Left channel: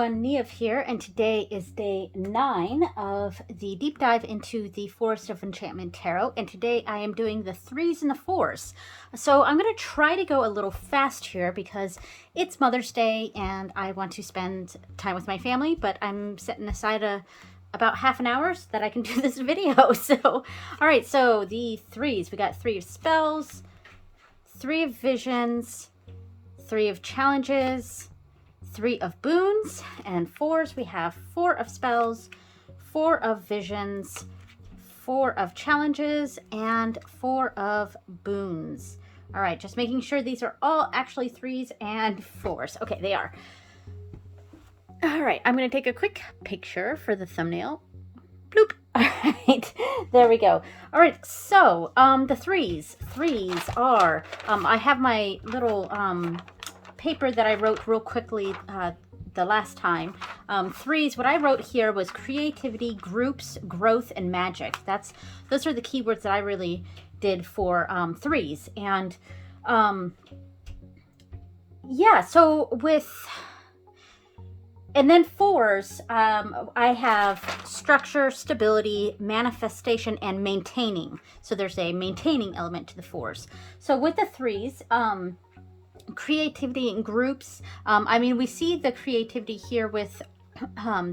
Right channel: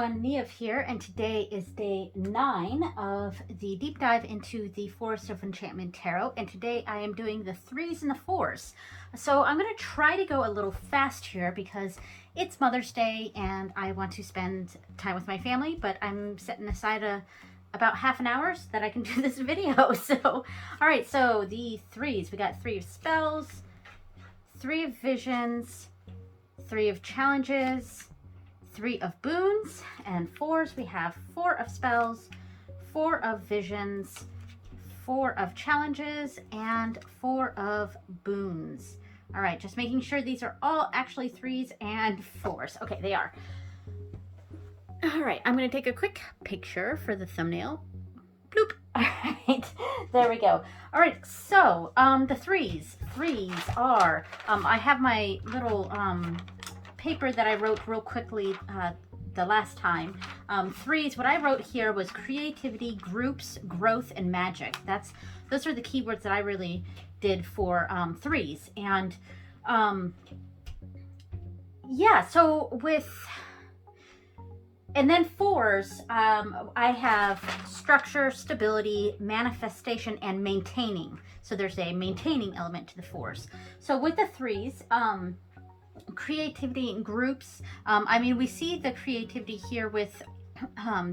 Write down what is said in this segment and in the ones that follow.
everyone, Niev here, and today is day 9 of the deep dive into the Forest of Enchantment Tarot, and today I am doing the 3s and the 4s. So I'm going to try to go a little fast here because it's Mother's Day and I want to spend time with my family, but I'm setting aside about half an hour so that I can do this video. So, alright, so the 3s, we got 3 of Spells, 3 of Visions, 3 of Challenges, 3 of Boons, and 4s, we have 4 of Spells, 4 of Visions, 4 of Challenges, and 4 of Boons. All right, just making sure these are all actually 3s and 4s. Okay, they are. All right, I'm going to take a quick picture for the thumbnail. Bloop. All right, there we go. All right, so the 3s. 3s are, I have my little paper that I wrote real quickly the last time. 3s, what I wrote here was creativity, groups, growth, and magic. Those are the keywords that I really did for 3s. And yeah, so and then 4s, I have structure, stability, manifestation, and maintaining. So there's a maintaining element to the 4s. So with the 3s, creativity in groups. I mean, we see the creativity here with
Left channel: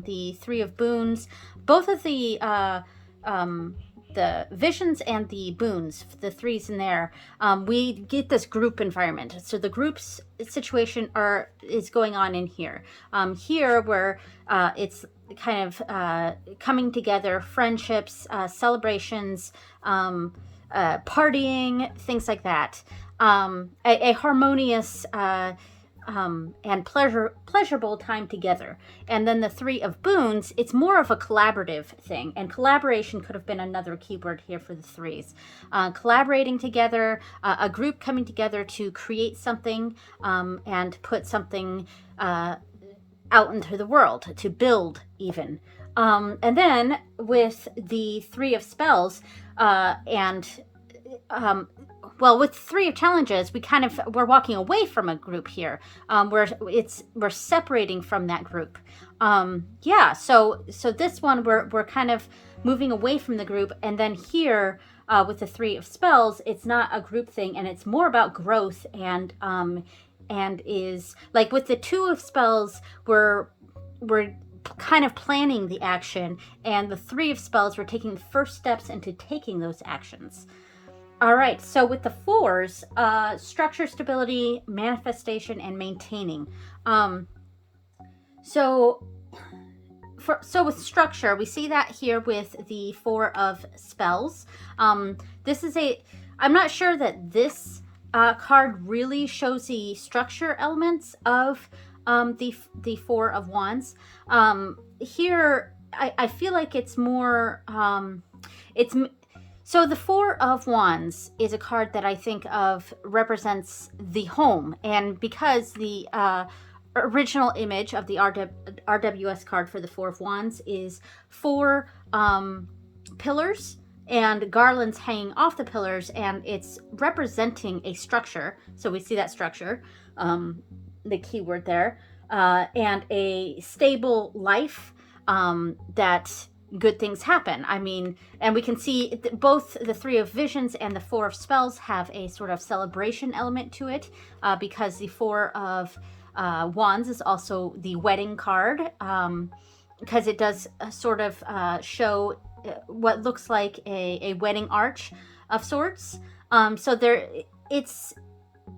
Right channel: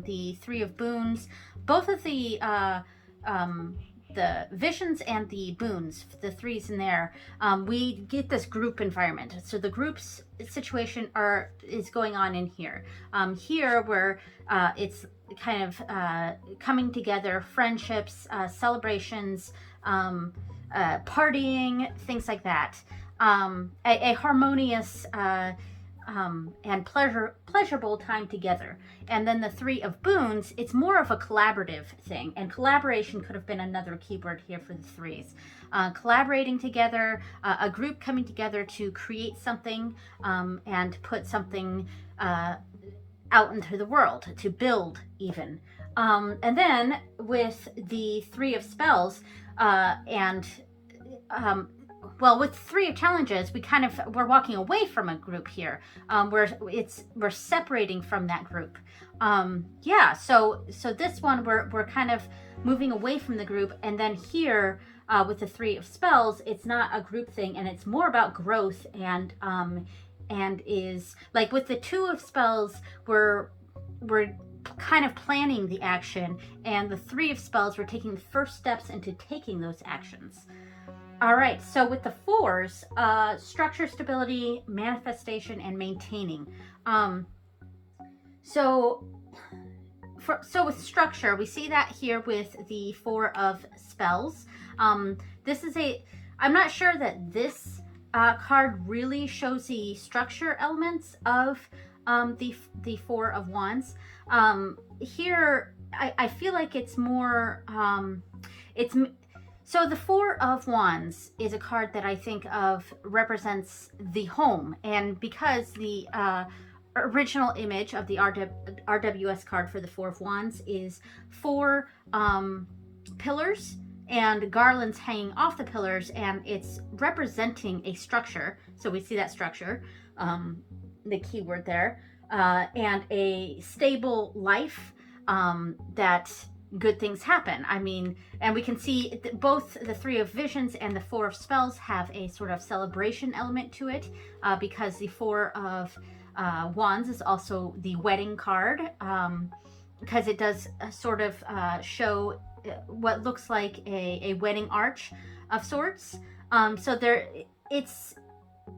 the 3 of Boons. Both of the Visions and the Boons, the 3s in there, we get this group environment. So the groups situation is going on in here. Here where it's kind of coming together, friendships, celebrations, partying, things like that. A harmonious and pleasurable time together. And then the 3 of Boons, it's more of a collaborative thing, and collaboration could have been another keyword here for the 3s. Collaborating together, a group coming together to create something and put something out into the world, to build even. And then with the 3 of Spells well, with 3 of Challenges, we're walking away from a group here. We're separating from that group. Yeah, so this one we're kind of moving away from the group, and then here with the 3 of Spells, it's not a group thing, and it's more about growth and is like with the 2 of Spells, we're kind of planning the action, and the 3 of Spells, we're taking the first steps into taking those actions. All right, so with the 4s, structure, stability, manifestation, and maintaining. So with structure, we see that here with the 4 of Spells. This is I'm not sure that this card really shows the structure elements of the 4 of Wands. Here, I feel like it's more, so the 4 of Wands is a card that I think of represents the home, and because the original image of the RWS card for the 4 of Wands is 4 pillars and garlands hanging off the pillars, and it's representing a structure. So we see that structure, the keyword there, and a stable life that good things happen. I mean, and we can see both the 3 of Visions and the 4 of Spells have a sort of celebration element to it, because the 4 of Wands is also the wedding card, because it does sort of show what looks like a wedding arch of sorts. So it's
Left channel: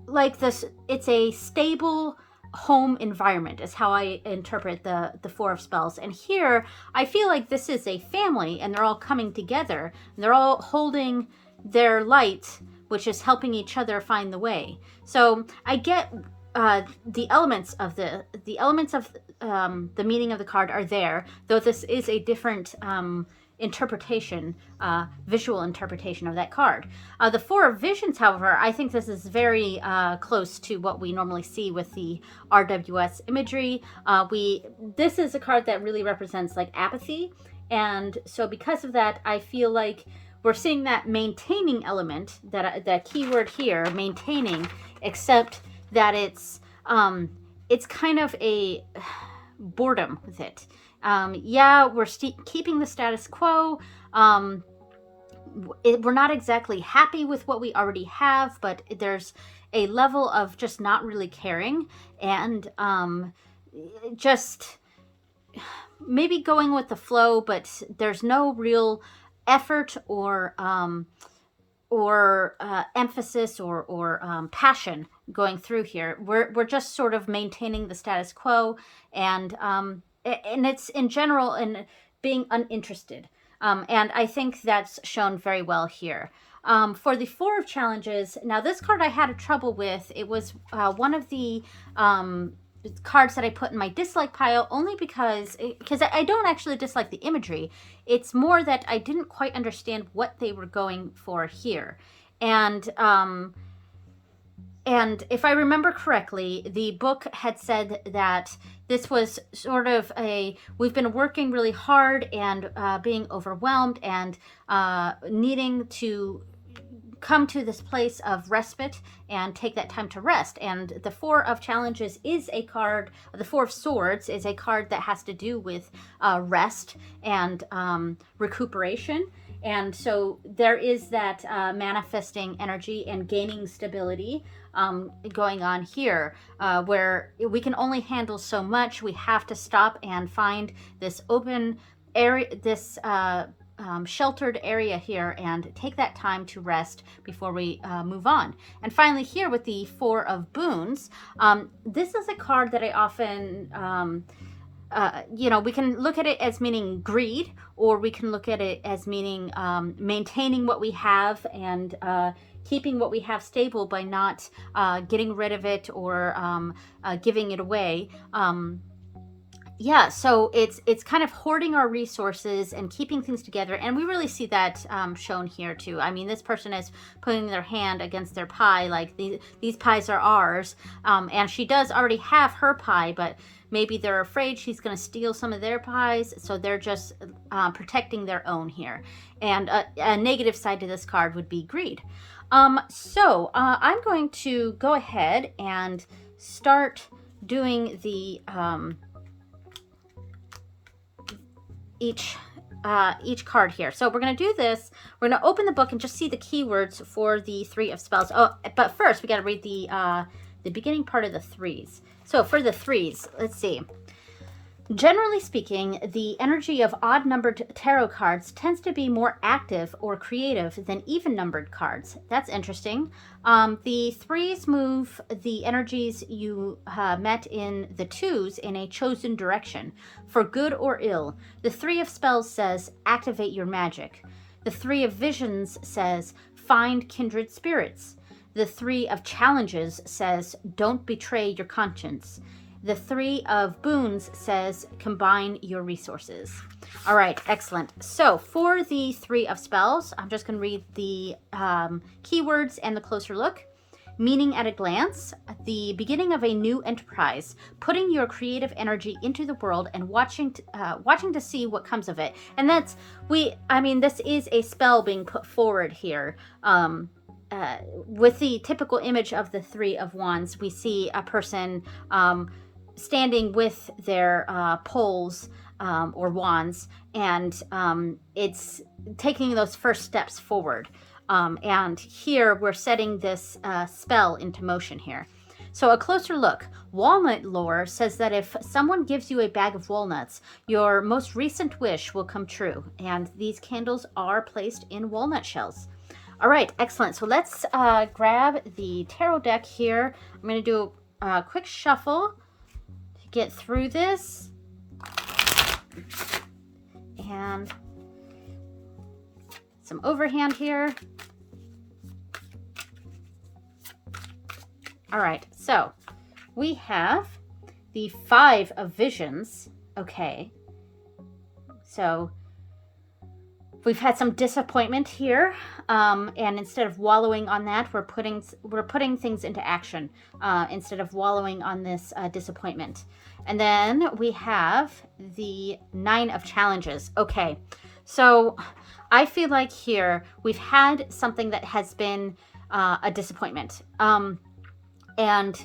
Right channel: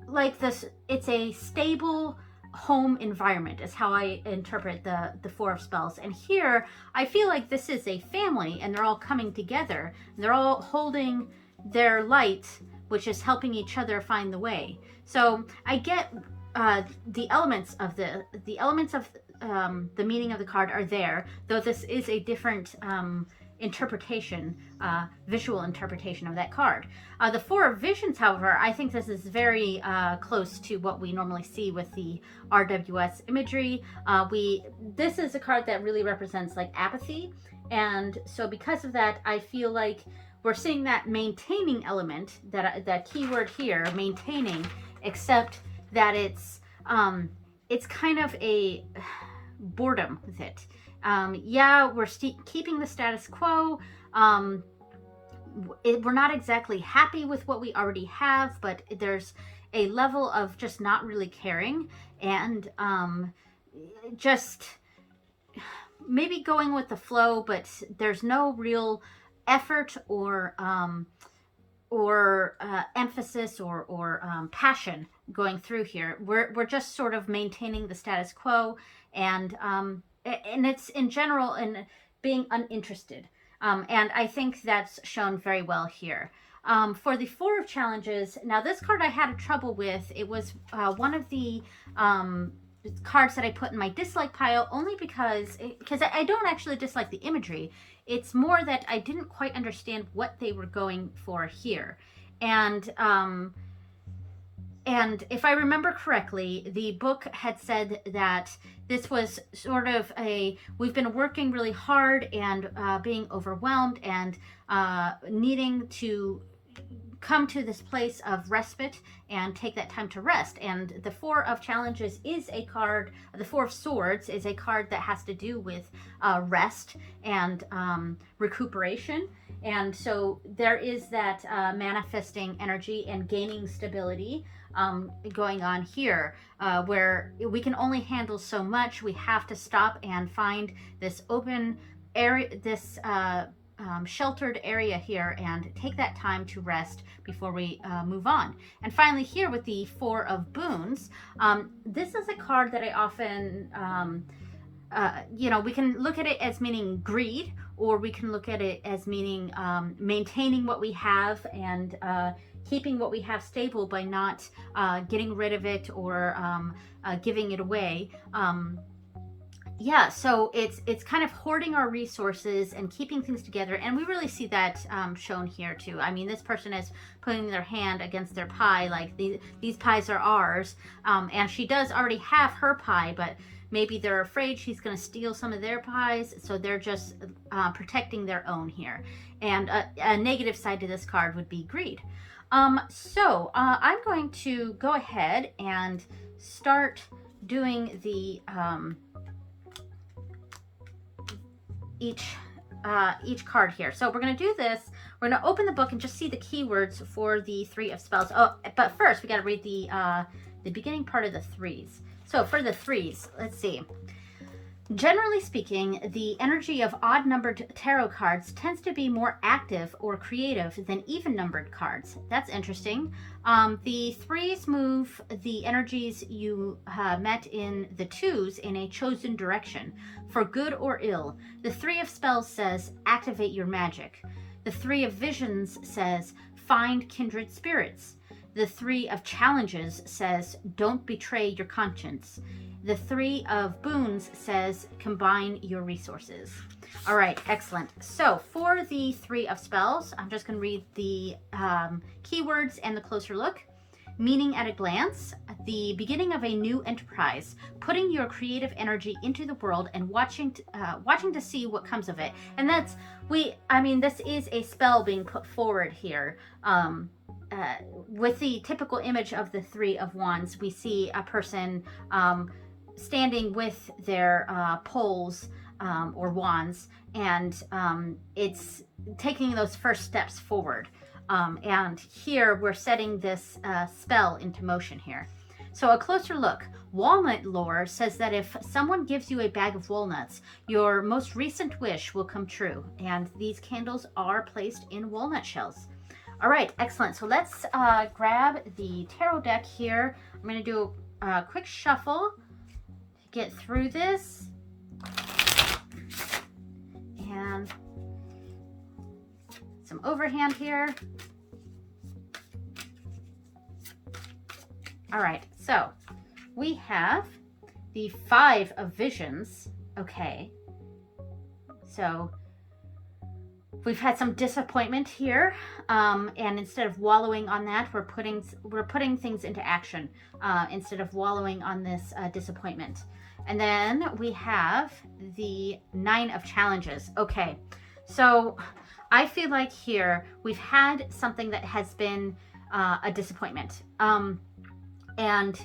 like this, it's a stable home environment is how I interpret the 4 of Spells. And here I feel like this is a family, and they're all coming together, and they're all holding their light, which is helping each other find the way. So I get the elements of the meaning of the card are there, though this is a different interpretation, visual interpretation of that card. The 4 of Visions, however, I think this is very close to what we normally see with the RWS imagery. This is a card that really represents like apathy, and so because of that, I feel like we're seeing that maintaining element, that keyword here, maintaining, except that it's kind of boredom with it. Yeah, we're keeping the status quo. We're not exactly happy with what we already have, but there's a level of just not really caring, and just maybe going with the flow, but there's no real effort or emphasis or passion going through here. We're just sort of maintaining the status quo, and it's in general and being uninterested. And I think that's shown very well here. For the Four of Challenges, now this card I had trouble with. It was one of the cards that I put in my dislike pile, only because I don't actually dislike the imagery. It's more that I didn't quite understand what they were going for here. And if I remember correctly, the book had said that this was sort of we've been working really hard and being overwhelmed and needing to come to this place of respite and take that time to rest. And the Four of Challenges is a card, the Four of Swords is a card that has to do with rest and recuperation. And so there is that manifesting energy and gaining stability going on here, where we can only handle so much. We have to stop and find this open area, this sheltered area here, and take that time to rest before we move on. And finally here with the Four of Boons, this is a card that I often we can look at it as meaning greed, or we can look at it as meaning maintaining what we have and keeping what we have stable by not getting rid of it or giving it away. So it's kind of hoarding our resources and keeping things together, and we really see that shown here too. I mean, this person is putting their hand against their pie, like these pies are ours, and she does already have her pie, but maybe they're afraid she's going to steal some of their pies, so they're just protecting their own here. And a negative side to this card would be greed. So I'm going to go ahead and start doing the each card here. So we're going to do this. We're going to open the book and just see the keywords for the Three of Spells. Oh, but first we got to read the beginning part of the threes. So for the threes, let's see. Generally speaking, the energy of odd-numbered tarot cards tends to be more active or creative than even-numbered cards. That's interesting. The threes move the energies you met in the twos in a chosen direction, for good or ill. The Three of Spells says, activate your magic. The Three of Visions says, find kindred spirits. The Three of Challenges says, don't betray your conscience. The Three of Boons says, combine your resources. All right, excellent. So for the Three of Spells, I'm just going to read the keywords and the closer look. Meaning at a glance, the beginning of a new enterprise, putting your creative energy into the world and watching to see what comes of it. And this is a spell being put forward here. With the typical image of the Three of Wands, we see a person standing with their poles or wands, and it's taking those first steps forward. And here we're setting this spell into motion here. So a closer look. Walnut lore says that if someone gives you a bag of walnuts, your most recent wish will come true. And these candles are placed in walnut shells. All right, excellent. So let's grab the tarot deck here. I'm going to do a quick shuffle to get through this. And some overhand here. All right, so we have the Five of Visions. Okay, so we've had some disappointment here, and instead of wallowing on that, we're putting things into action instead of wallowing on this disappointment. And then we have the Nine of Challenges. Okay, so I feel like here we've had something that has been a disappointment, and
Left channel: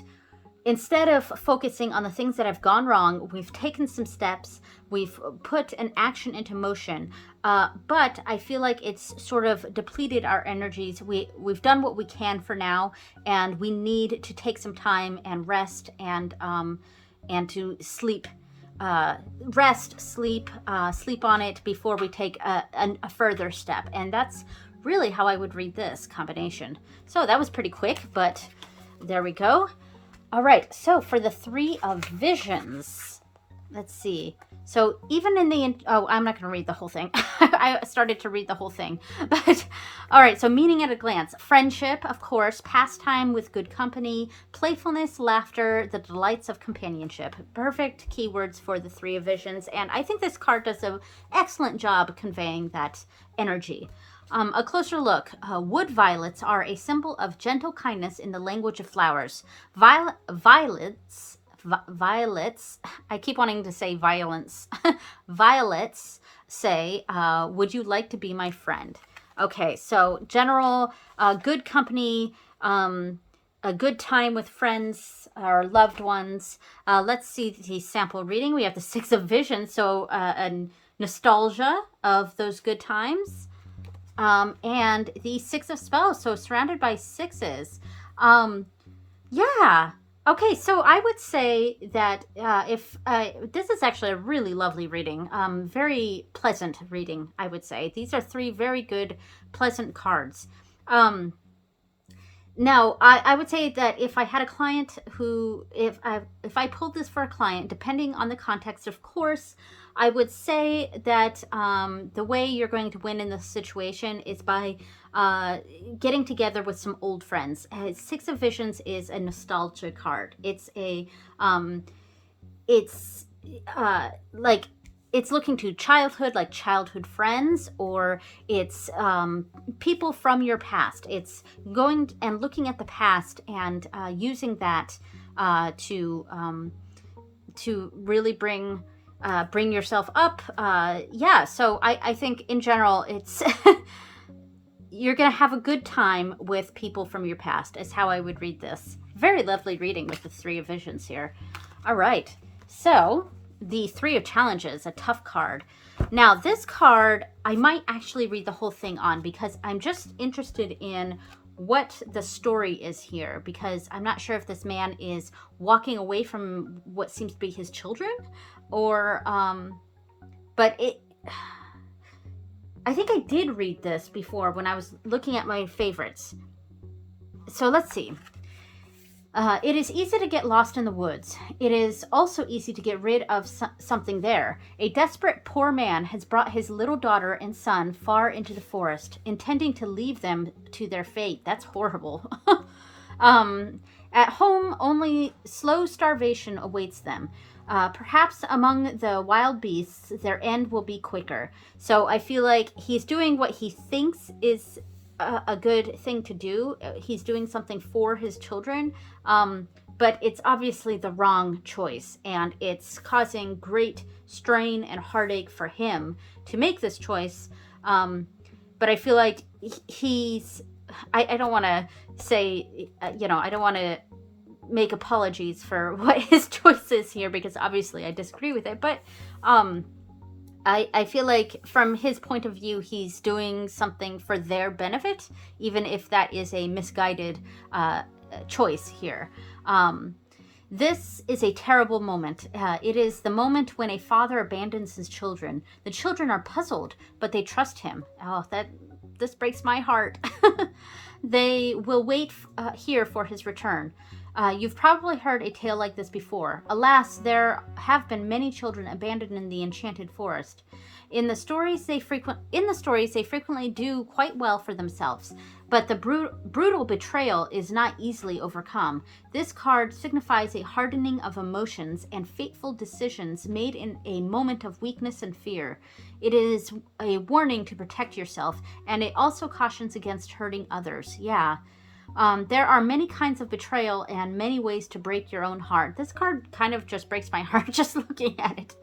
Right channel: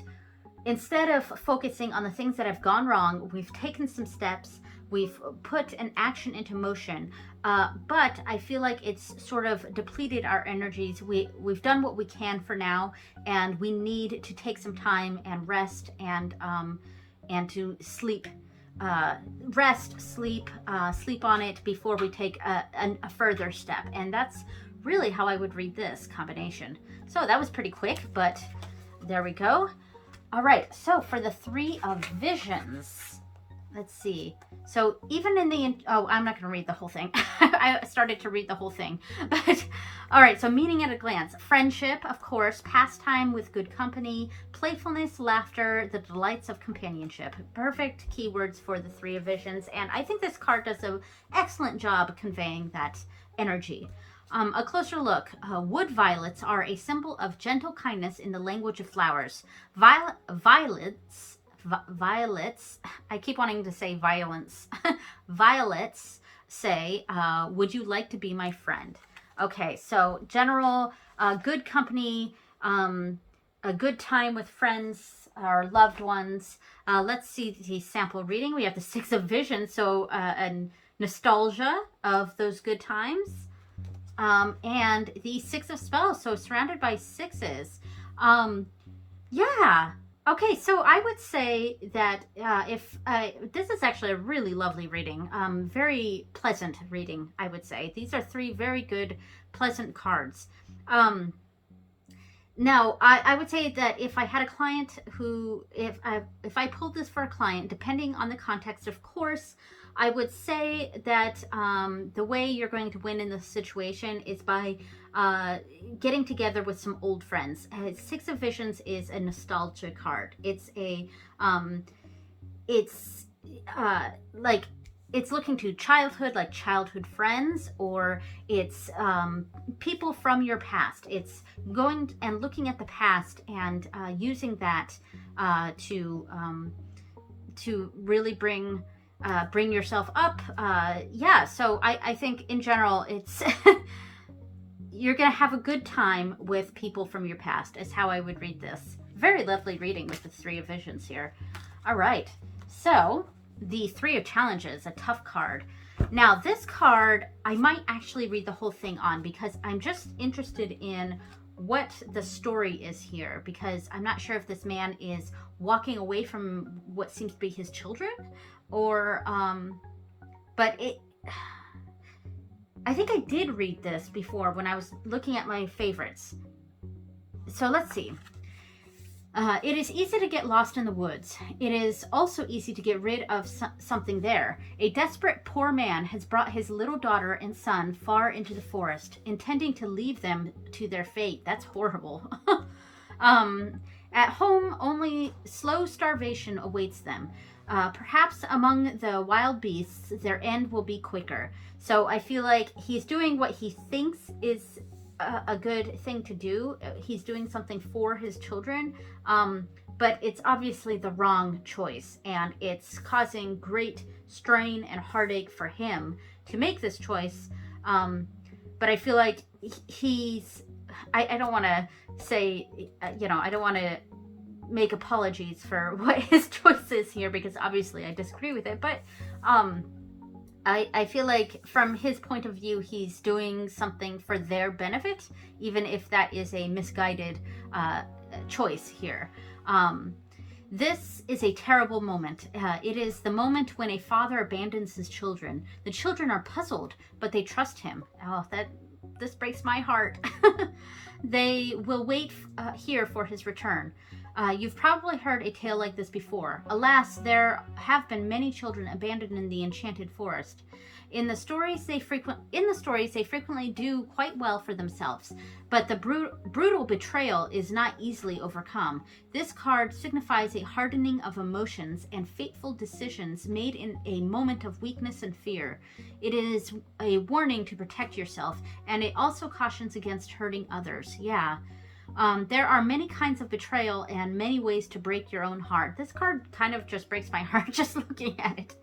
instead of focusing on the things that have gone wrong, we've taken some steps, we've put an action into motion, but I feel like it's sort of depleted our energies. We've done what we can for now, and we need to take some time and rest and to sleep. Rest, sleep, sleep on it before we take a further step. And that's really how I would read this combination. So that was pretty quick, but there we go. All right, so for the Three of Visions, let's see. So even in the, oh, I'm not going to read the whole thing. I started to read the whole thing. But, all right, so meaning at a glance. Friendship, of course, pastime with good company, playfulness, laughter, the delights of companionship. Perfect keywords for the Three of Visions. And I think this card does an excellent job conveying that energy. A closer look. Wood violets are a symbol of gentle kindness in the language of flowers. Violets, I keep wanting to say violence. Violets say, would you like to be my friend? Okay, so general, good company, a good time with friends or loved ones. Let's see the sample reading. We have the Six of Visions, so a nostalgia of those good times. And the Six of Spells, so surrounded by sixes. Yeah. Okay, so I would say that if this is actually a really lovely reading, very pleasant reading, I would say. These are three very good, pleasant cards. Now, I would say that if I had a client who, if I pulled this for a client, depending on the context, of course, I would say that the way you're going to win in this situation is by getting together with some old friends. Six of Visions is a nostalgia card. It's a, like, it's looking to childhood, like childhood friends, or it's people from your past. It's going and looking at the past and using that to really bring yourself up. Yeah, so I think in general, it's you're gonna have a good time with people from your past, is how I would read this. Very lovely reading with the Three of Visions here. All right, so the Three of Challenges, a tough card. Now this card, I might actually read the whole thing on, because I'm just interested in what the story is here, because I'm not sure if this man is walking away from what seems to be his children, or but I think I did read this before when I was looking at my favorites. So let's see. It is easy to get lost in the woods. It is also easy to get rid of something there. A desperate poor man has brought his little daughter and son far into the forest, intending to leave them to their fate. That's horrible. At home, only slow starvation awaits them. Perhaps among the wild beasts, their end will be quicker. So I feel like he's doing what he thinks is a good thing to do. He's doing something for his children, but it's obviously the wrong choice, and it's causing great strain and heartache for him to make this choice. But I feel like I don't want to say, I don't want to make apologies for what his choice is here, because obviously I disagree with it, but I feel like from his point of view, he's doing something for their benefit, even if that is a misguided choice here. This is a terrible moment. It is the moment when a father abandons his children. The children are puzzled, but they trust him. Oh, this breaks my heart. They will wait here for his return. You've probably heard a tale like this before. Alas, there have been many children abandoned in the enchanted forest. In the stories, they frequently do quite well for themselves, but the brutal betrayal is not easily overcome. This card signifies a hardening of emotions and fateful decisions made in a moment of weakness and fear. It is a warning to protect yourself, and it also cautions against hurting others. Yeah. There are many kinds of betrayal and many ways to break your own heart. This card kind of just breaks my heart just looking at it.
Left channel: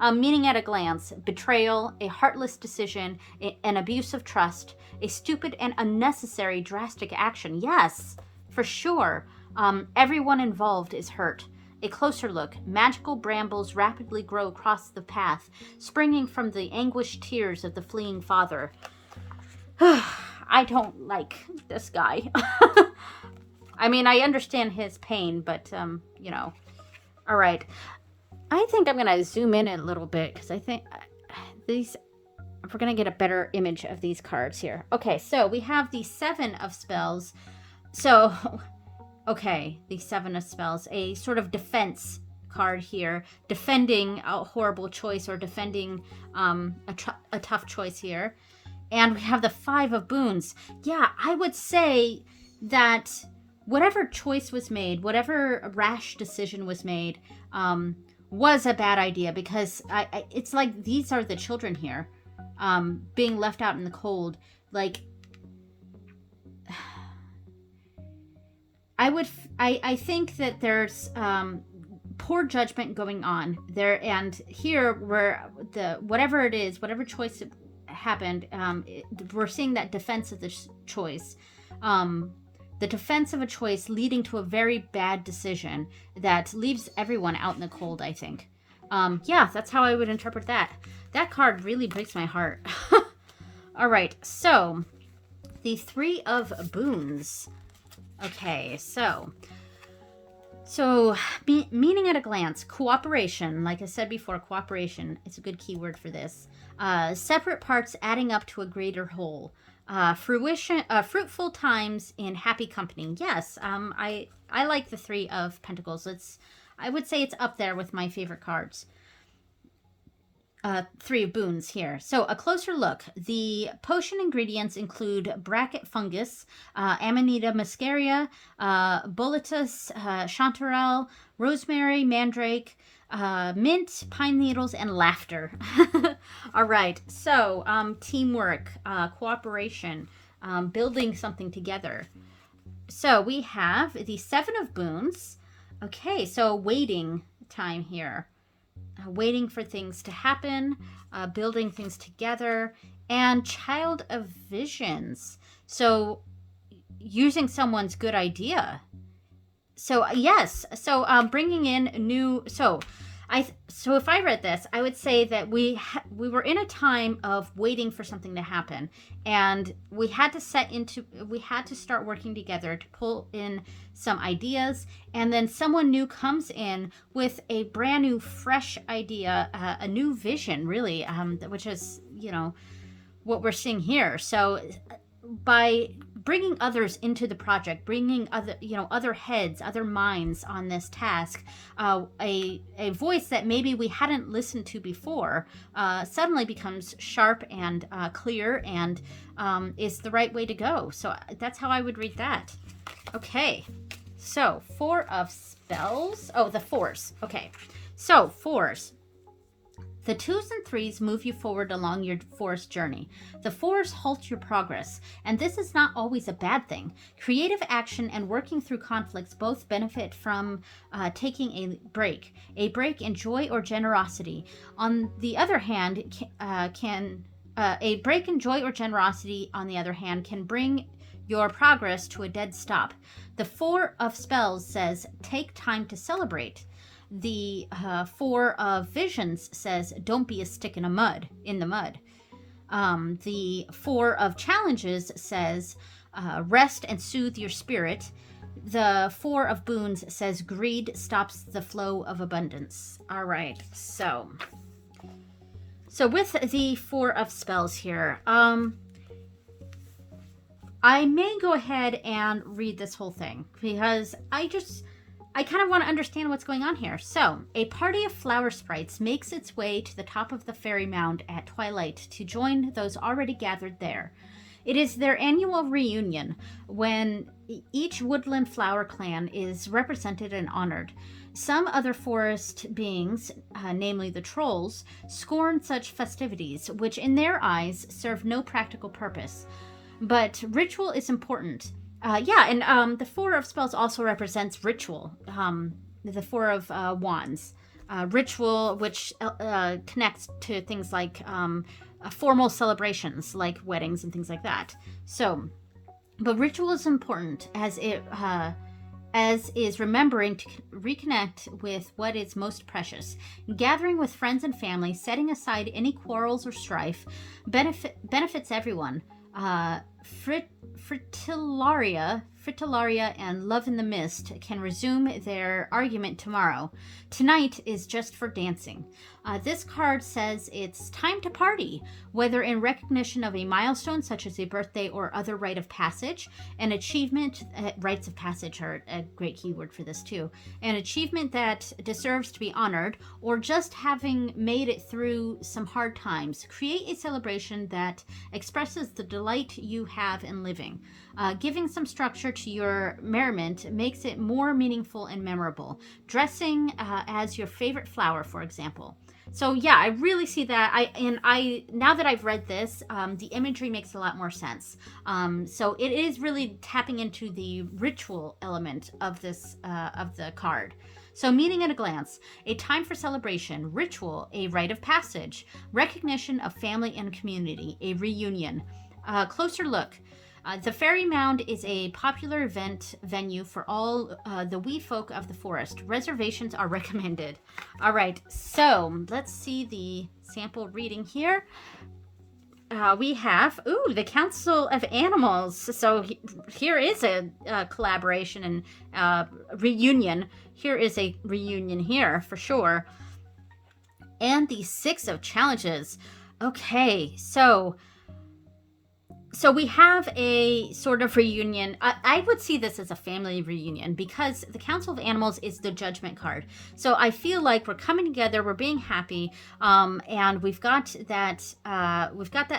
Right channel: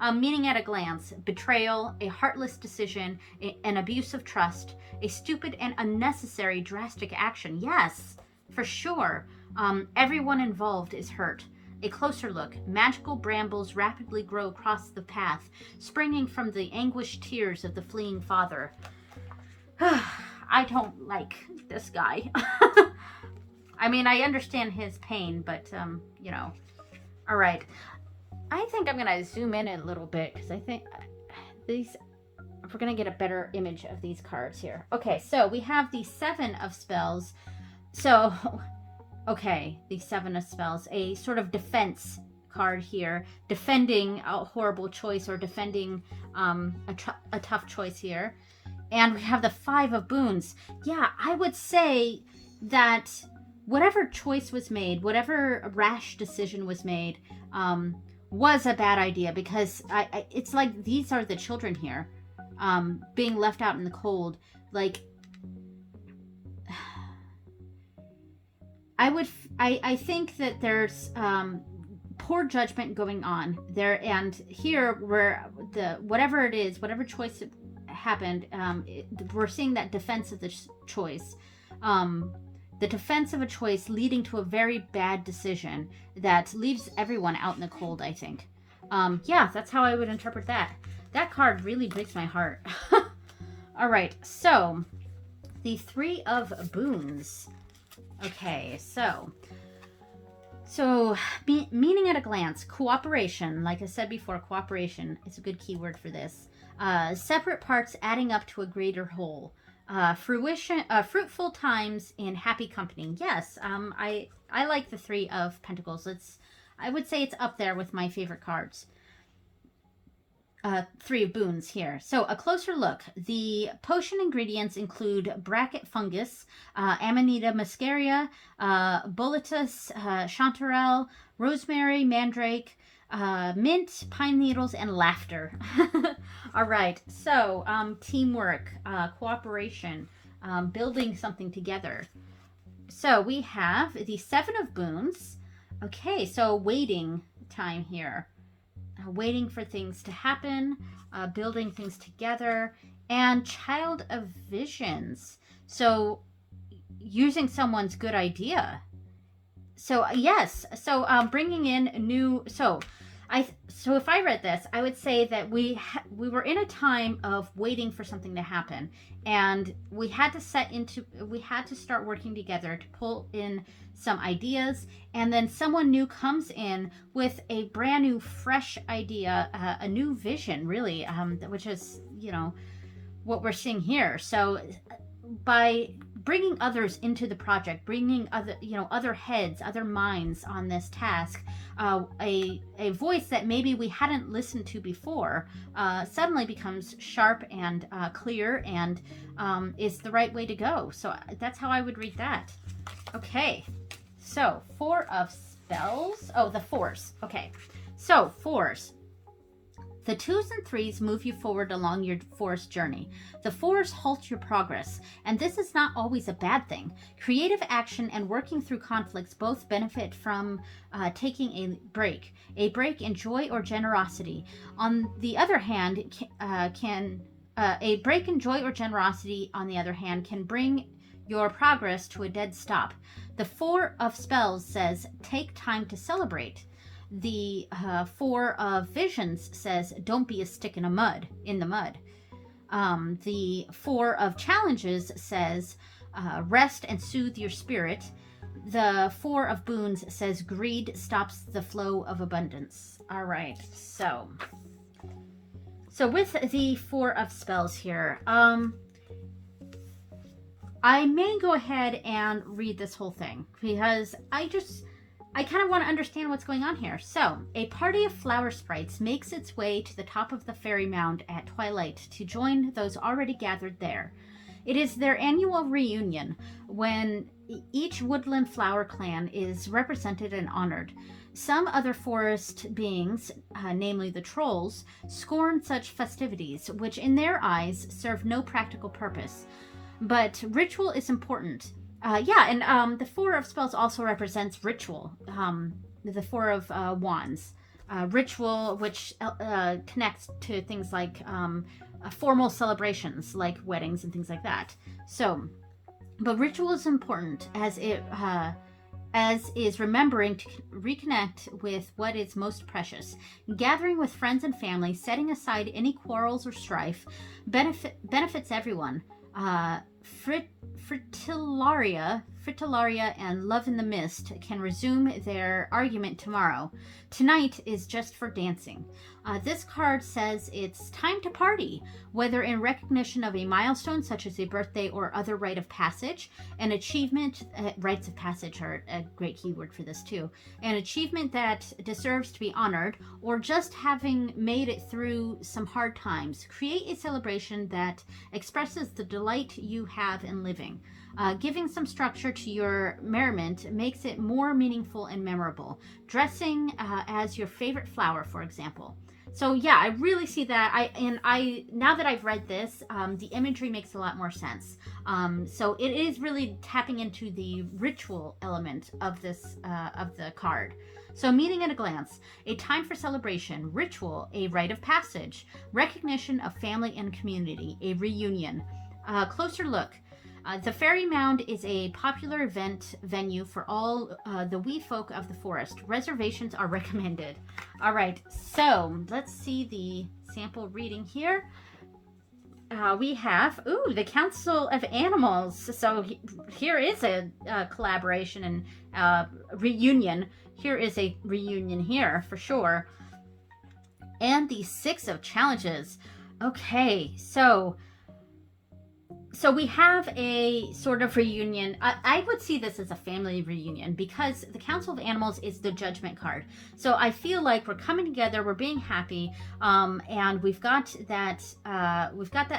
Meaning at a glance: betrayal, a heartless decision, an abuse of trust, a stupid and unnecessary drastic action. Yes, for sure. Everyone involved is hurt. A closer look. Magical brambles rapidly grow across the path, springing from the anguished tears of the fleeing father. I don't like this guy. I mean, I understand his pain, but, you know. All right. I think I'm going to zoom in a little bit because I think these, we're going to get a better image of these cards here. Okay, so we have the Seven of Spells. So, okay, the Seven of Spells, a sort of defense card here, defending a horrible choice or defending a tough choice here. And we have the Five of Boons. Yeah, I would say that whatever choice was made, whatever rash decision was made, was a bad idea, because it's like these are the children here, being left out in the cold. Like, I think that there's poor judgment going on there, and here where whatever it is, whatever choice happened, we're seeing that defense of the choice. The defense of a choice leading to a very bad decision that leaves everyone out in the cold, I think. Yeah, that's how I would interpret that. That card really breaks my heart. All right, so the Three of Boons. Okay, so meaning at a glance, cooperation. Like I said before, cooperation is a good keyword for this. Separate parts adding up to a greater whole. Fruition, fruitful times in happy company. Yes, I like the Three of Pentacles. I would say it's up there with my favorite cards. Three of Boons here. So a closer look. The potion ingredients include bracket fungus, Amanita muscaria, boletus, chanterelle, rosemary, mandrake, mint, pine needles, and laughter. All right, so teamwork, cooperation, building something together. So we have the Seven of Boons. Okay, so waiting time here. Waiting for things to happen, building things together, and Child of Visions. So using someone's good idea. So yes, so bringing in new. So if I read this, I would say that we were in a time of waiting for something to happen, and we had to start working together to pull in some ideas, and then someone new comes in with a brand new, fresh idea, a new vision, really, which is, you know, what we're seeing here. So by bringing others into the project, bringing other heads, other minds on this task, a voice that maybe we hadn't listened to before suddenly becomes sharp and clear, and is the right way to go. So that's how I would read that. Okay, so Four of Spells. Oh, the Fours. Okay, so Fours. The twos and threes move you forward along your forest journey. The fours halt your progress, and this is not always a bad thing. Creative action and working through conflicts both benefit from taking a break in joy or generosity. On the other hand, a break in joy or generosity, on the other hand, can bring your progress to a dead stop. The Four of Spells says, take time to celebrate. The Four of Visions says, don't be a stick in the mud. The Four of Challenges says, rest and soothe your spirit. The Four of Boons says, greed stops the flow of abundance. All right, so with the Four of Spells here, I may go ahead and read this whole thing, because I kind of want to understand what's going on here. So, a party of flower sprites makes its way to the top of the fairy mound at twilight to join those already gathered there. It is their annual reunion, when each woodland flower clan is represented and honored. Some other forest beings, namely the trolls, scorn such festivities, which in their eyes serve no practical purpose. But ritual is important. The Four of Spells also represents ritual. The Four of Wands. Ritual, which connects to things like formal celebrations, like weddings and things like that. So, but ritual is important, as it as is remembering to reconnect with what is most precious. Gathering with friends and family, setting aside any quarrels or strife, benefits everyone. Frit, Fritillaria and Love in the Mist can resume their argument tomorrow. Tonight is just for dancing. This card says it's time to party, whether in recognition of a milestone such as a birthday or other rite of passage, an achievement. Rites of passage are a great keyword for this too. An achievement that deserves to be honored, or just having made it through some hard times. Create a celebration that expresses the delight you have in living. Giving some structure to your merriment makes it more meaningful and memorable. Dressing as your favorite flower, for example. So yeah, I really see that. I now that I've read this, the imagery makes a lot more sense. So it is really tapping into the ritual element of this of the card. So, meaning at a glance, a time for celebration, ritual, a rite of passage, recognition of family and community, a reunion. Closer look. The Fairy Mound is a popular event venue for all the wee folk of the forest. Reservations are recommended. All right, so let's see the sample reading here. We have, the Council of Animals. So here is a collaboration and reunion. Here is a reunion here for sure. And the Six of Challenges. Okay, so we have a sort of reunion. I would see this as a family reunion because the Council of Animals is the judgment card. So I feel like we're coming together, we're being happy, and we've got that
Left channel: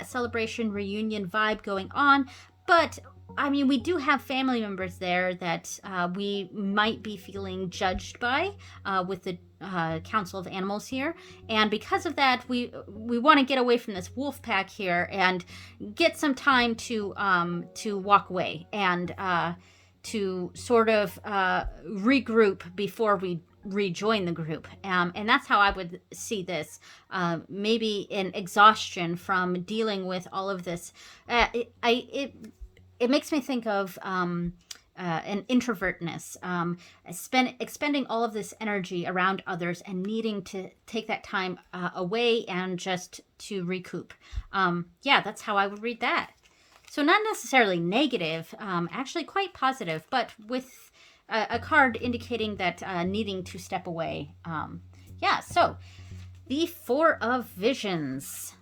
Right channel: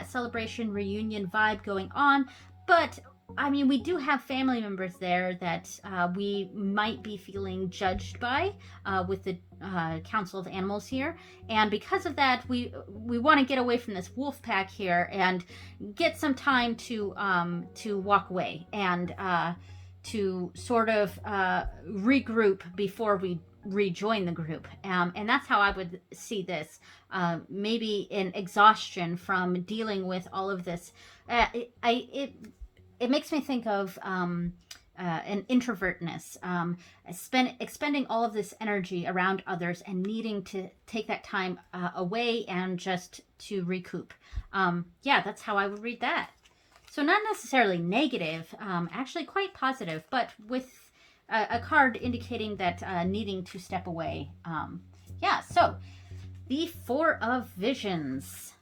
celebration reunion vibe going on. But I mean, we do have family members there that we might be feeling judged by with the Council of Animals here, and because of that, we want to get away from this wolf pack here and get some time to walk away and to sort of regroup before we rejoin the group, and that's how I would see this. Maybe an exhaustion from dealing with all of this. It makes me think of an introvertness, expending all of this energy around others and needing to take that time away and just to recoup. Yeah, that's how I would read that. So not necessarily negative, actually quite positive, but with a card indicating that needing to step away. Yeah, so the Four of Visions.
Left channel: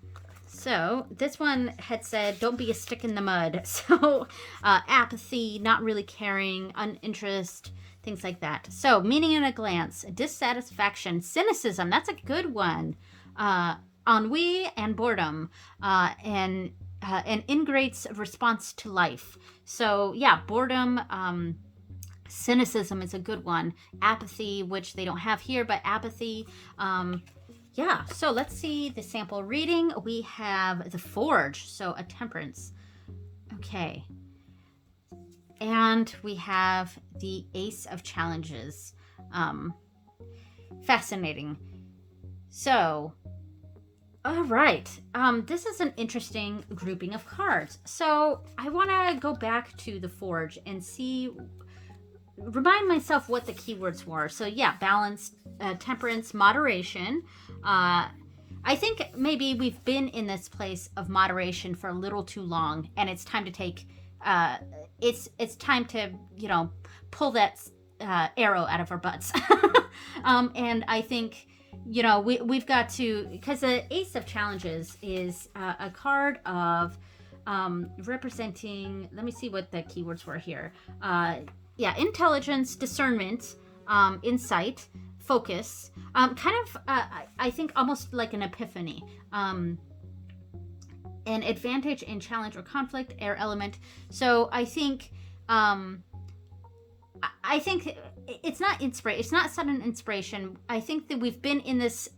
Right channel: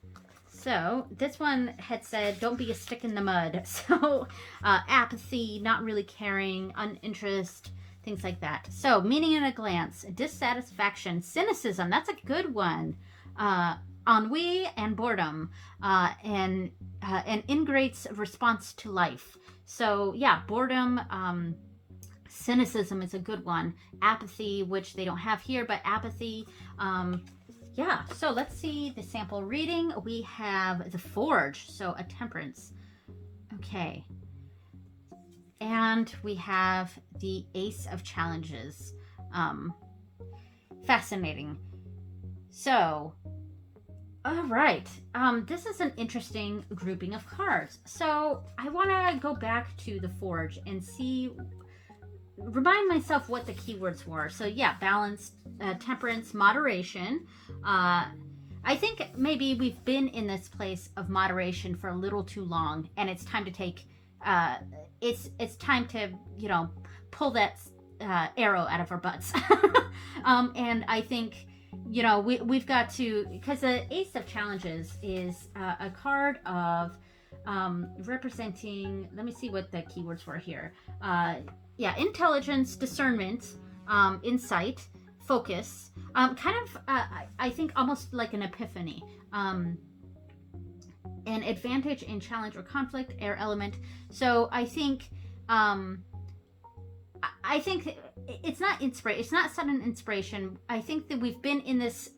So this one had said, don't be a stick in the mud. So apathy, not really caring, uninterest, things like that. So meaning in a glance, dissatisfaction, cynicism, that's a good one. Ennui and boredom, and an ingrate's response to life. So yeah, boredom, cynicism is a good one. Apathy, which they don't have here, but apathy, yeah, so let's see the sample reading. We have the Forge, so a temperance. Okay. And we have the Ace of Challenges. Fascinating. So, all right. This is an interesting grouping of cards. So I want to go back to the Forge and remind myself what the keywords were. So yeah, balance, temperance, moderation. I think maybe we've been in this place of moderation for a little too long, and it's time to take. It's time to pull that arrow out of our butts. And I think we've got to, because the Ace of Challenges is a card of representing. Let me see what the keywords were here. Yeah, intelligence, discernment, insight, focus, I think almost like an epiphany. An advantage in challenge or conflict, air element. So I think it's not inspiration. It's not sudden inspiration. I think that we've been in this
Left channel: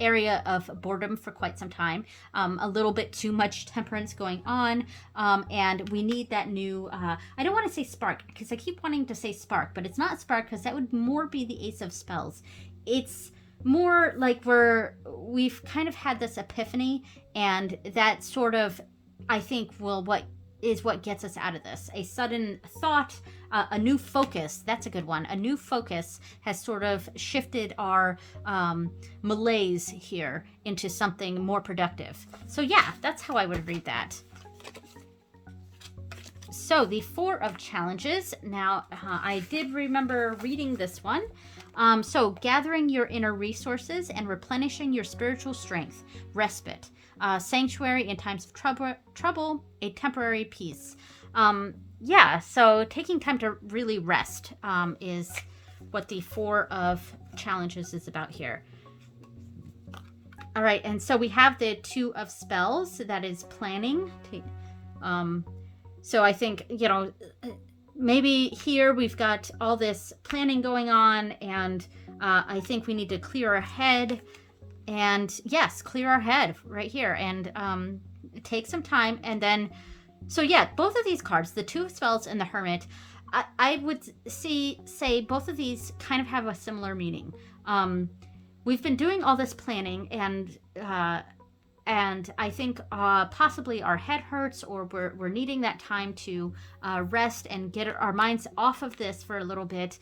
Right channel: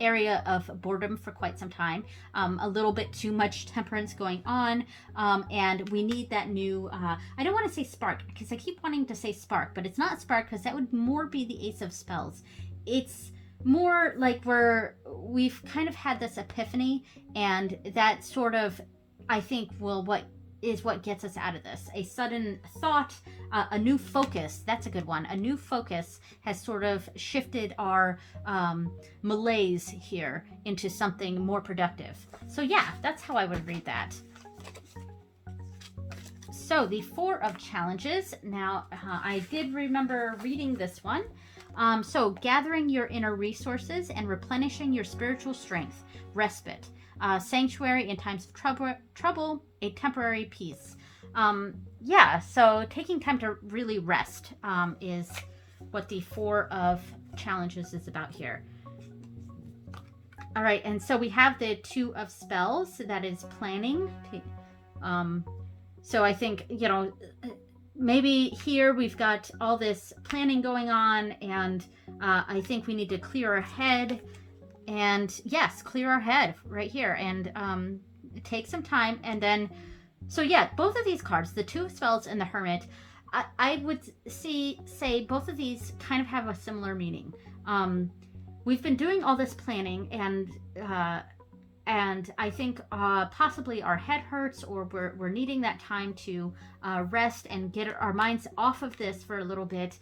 area of boredom for quite some time. A little bit too much temperance going on, and we need that new. I don't want to say spark because I keep wanting to say spark, but it's not spark because that would more be the Ace of Spells. It's more like we've kind of had this epiphany, and that sort of, I think, what gets us out of this. A sudden thought, a new focus. That's a good one. A new focus has sort of shifted our malaise here into something more productive. So yeah, that's how I would read that. So the Four of Challenges. Now, I did remember reading this one. So gathering your inner resources and replenishing your spiritual strength. Respite. Sanctuary in times of trouble, a temporary peace. Yeah, so taking time to really rest is what the Four of Challenges is about here. All right, and so we have the Two of Spells. That is planning. So I think, you know, maybe here we've got all this planning going on, and I think we need to clear our head. And yes, clear our head right here, and take some time. And then, so yeah, both of these cards, the Two of Spells and the Hermit, I would say both of these kind of have a similar meaning. We've been doing all this planning, and I think possibly our head hurts, or we're needing that time to rest and get our minds off of this for a little bit,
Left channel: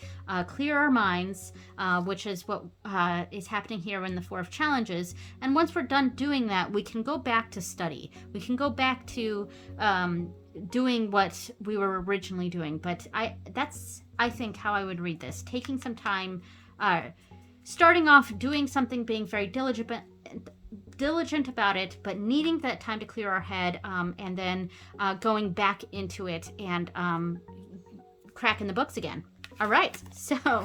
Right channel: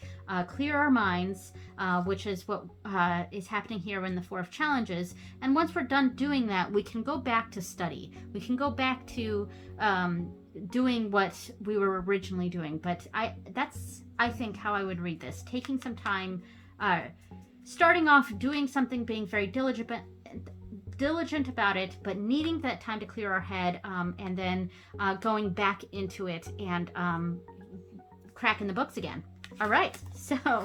clear our minds, which is what is happening here in the Four of Challenges. And once we're done doing that, we can go back to study. We can go back to doing what we were originally doing. But that's, I think, how I would read this. Taking some time, starting off doing something, being very diligent about it, but needing that time to clear our head, and then going back into it and cracking the books again. All right, so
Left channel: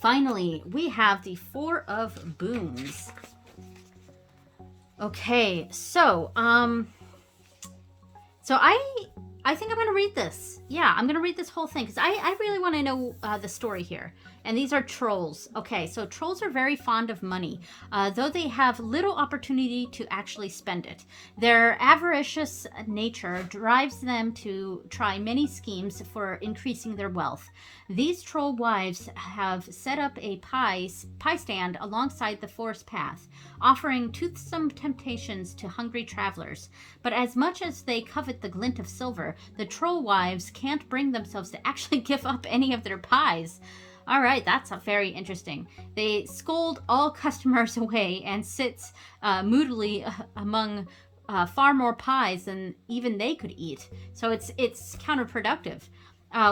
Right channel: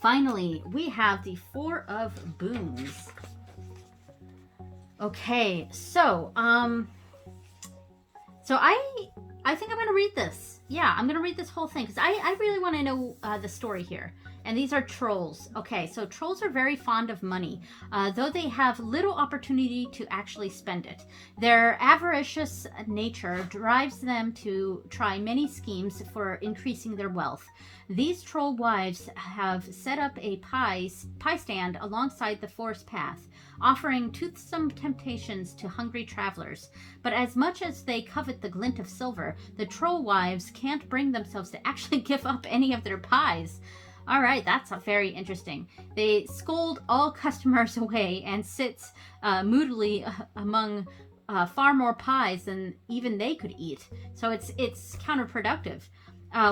finally we have the Four of Boons. Okay, so I think I'm going to read this. Yeah, I'm going to read this whole thing because I really want to know the story here. And these are trolls. Okay, so trolls are very fond of money, though they have little opportunity to actually spend it. Their avaricious nature drives them to try many schemes for increasing their wealth. These troll wives have set up a pie stand alongside the forest path, offering toothsome temptations to hungry travelers. But as much as they covet the glint of silver, the troll wives can't bring themselves to actually give up any of their pies. All right, that's very interesting. They scold all customers away and sit moodily among far more pies than even they could eat. So it's counterproductive.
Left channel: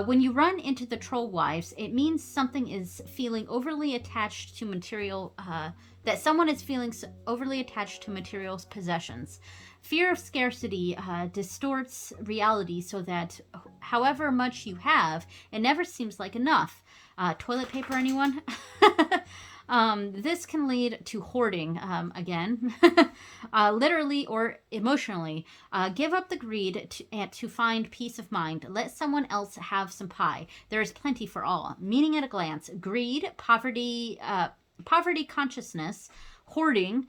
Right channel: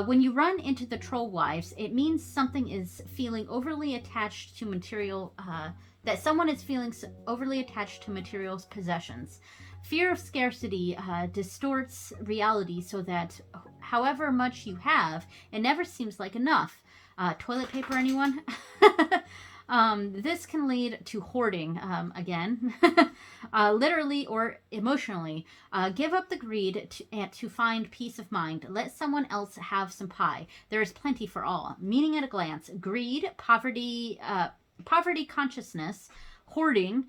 When you run into the troll wives, it means something is feeling overly attached to material, that someone is feeling overly attached to material possessions. Fear of scarcity distorts reality so that however much you have, it never seems like enough. Toilet paper, anyone? This can lead to hoarding, again, literally or emotionally. Give up the greed to find peace of mind. Let someone else have some pie. There is plenty for all. Meaning at a glance: greed, poverty consciousness, hoarding,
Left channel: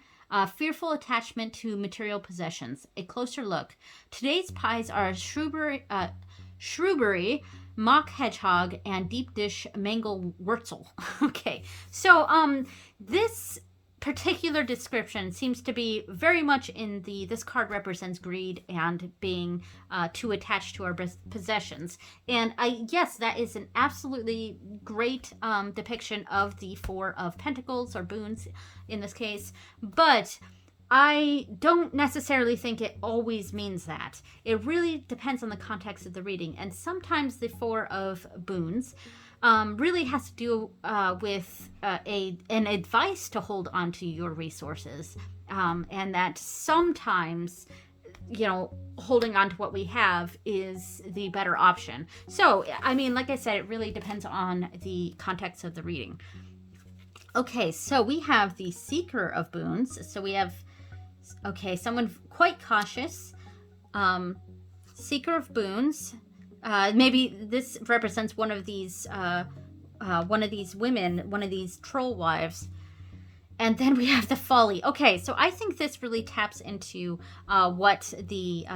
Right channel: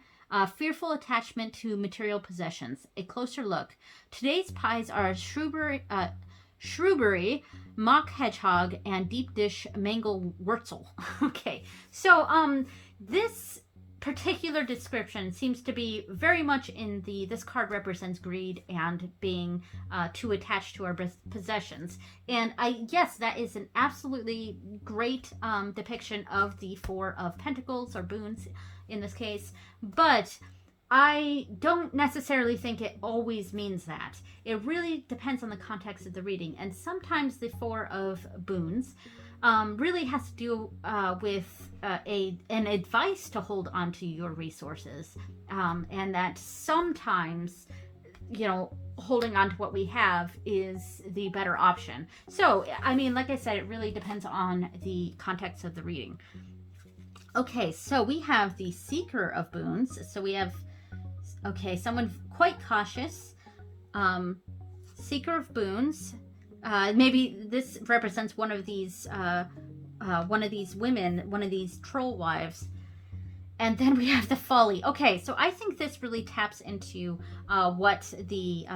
fearful attachment to material possessions. A closer look. Today's pies are shrewberry, mock hedgehog, and deep dish mango wurzel. Okay, so this particular description seems to be very much in this card represents greed and being too attached to our possessions. And yes, that is an absolutely great depiction of the Four of Pentacles, or boons in this case, but I don't necessarily think it always means that. It really depends on the context of the reading. And sometimes the Four of Boons really has to do with an advice to hold on to your resources. And that sometimes, you know, holding on to what we have is the better option. So, I mean, like I said, it really depends on the context of the reading. Okay, so we have the Seeker of Boons. So we have, okay, someone quite cautious. Seeker of Boons. Maybe this represents one of these women, one of these troll wives. And then we have the Folly. Okay, so I think this really taps into what the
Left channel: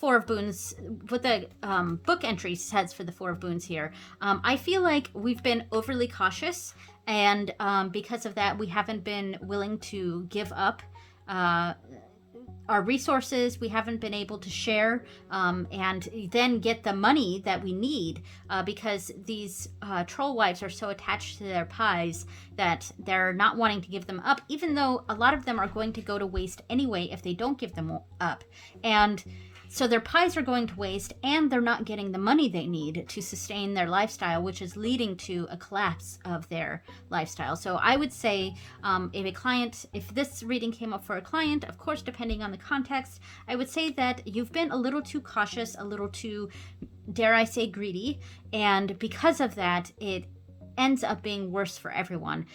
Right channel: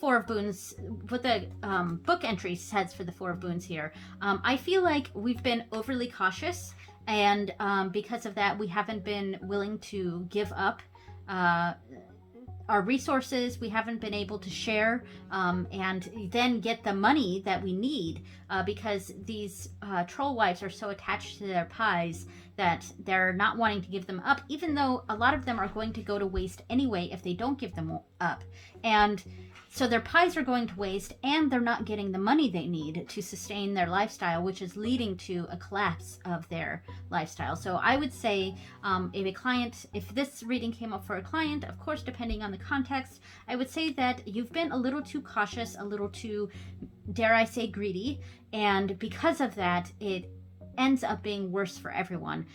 Four of Boons, what the book entry says for the Four of Boons here. I feel like we've been overly cautious, and because of that, we haven't been willing to give up our resources we haven't been able to share, and then get the money that we need, because these troll wives are so attached to their pies that they're not wanting to give them up, even though a lot of them are going to go to waste anyway if they don't give them up. And so their pies are going to waste, and they're not getting the money they need to sustain their lifestyle, which is leading to a collapse of their lifestyle. So I would say, if this reading came up for a client, of course, depending on the context, I would say that you've been a little too cautious, a little too, dare I say, greedy. And because of that, it ends up being worse for everyone.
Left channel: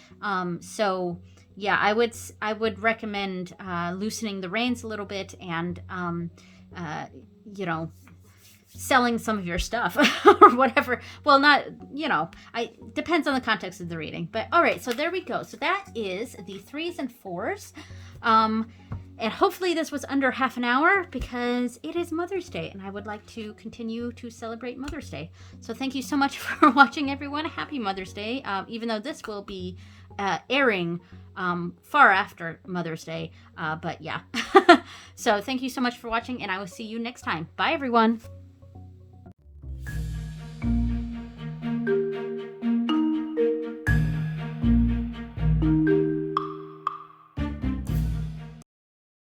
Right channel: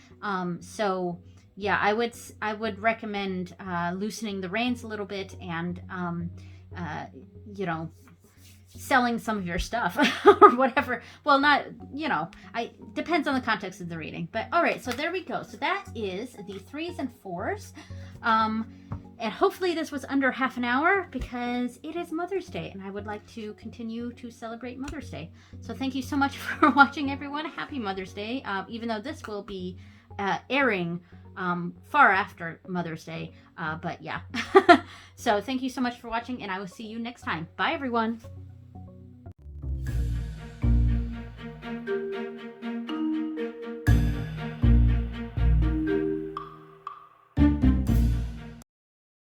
So yeah, I would recommend loosening the reins a little bit, and selling some of your stuff or whatever. Well, not, depends on the context of the reading. But all right, so there we go. So that is the 3s and 4s. And hopefully this was under half an hour, because it is Mother's Day and I would like to continue to celebrate Mother's Day. So thank you so much for watching, everyone. Happy Mother's Day, even though this will be airing far after Mother's Day. But yeah. So thank you so much for watching, and I will see you next time. Bye, everyone.